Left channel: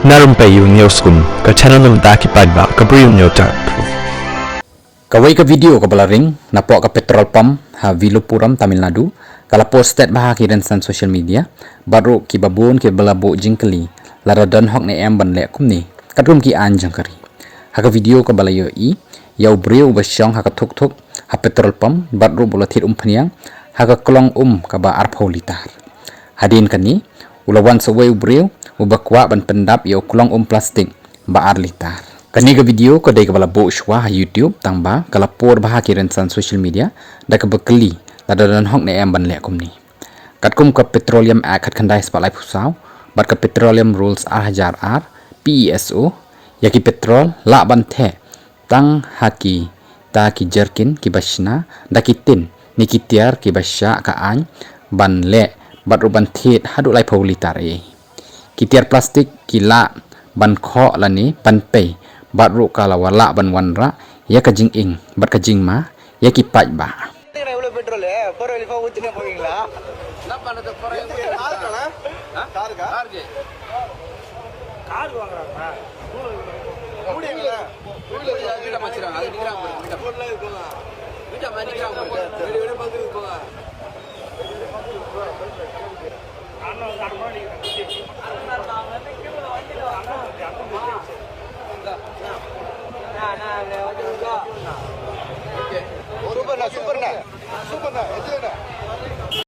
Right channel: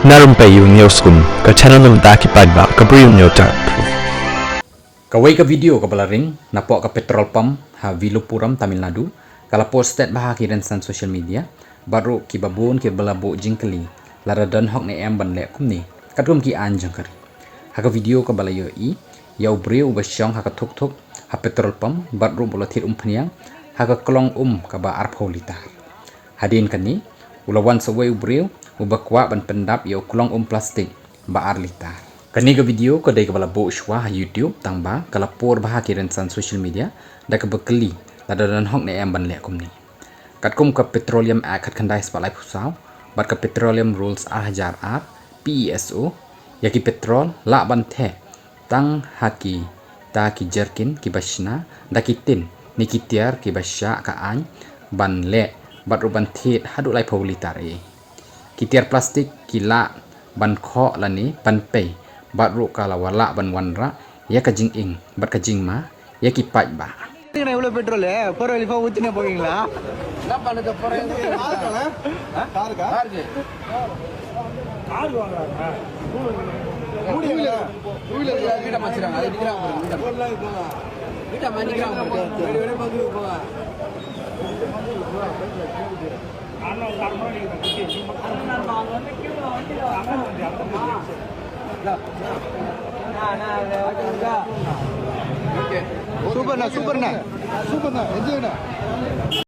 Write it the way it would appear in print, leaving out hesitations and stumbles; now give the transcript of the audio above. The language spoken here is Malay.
Na Rympei U ke channel nabynta ki paidbah ke Bri U Hynñiewtrep. Kawai ke video ke balaring napok ke petrol pump ha Vilupuram Tamil Nadu kala posted bah ki rensan social media baroh ki babun ki balabo jingkeli lada dan hok ne em ban le kumne kadrum ki anjang kari ha ke video ke balayo I yau briew basyong ha ke thuk ha petrol pump baroh bolathit phniang ha ke klong ka ba arpho litar hadin kani ulawan sawai briew ubakwa ban pendap yo klong plastik ba ar litar kani ke video ke dai ke balabo shwa ha YouTube tangba kala por bah ki rensan social media da ke bekeli lada dan hok ne em ban le kumni katkum ke petroleum act khandai spalai phusau bat ke petroleum rules ar PESO yaki petrol la ban the tang haki ta ki jerkin ki basna da ki tin ni ki tiar ki basya ka an ban le bat ruban Thied hadu lai paulitar ki tiar plastik ki la ban kho lani pan pe bat ru kala wala ban wanra ya ka jing ing bat ka jing ma ya ki paidbah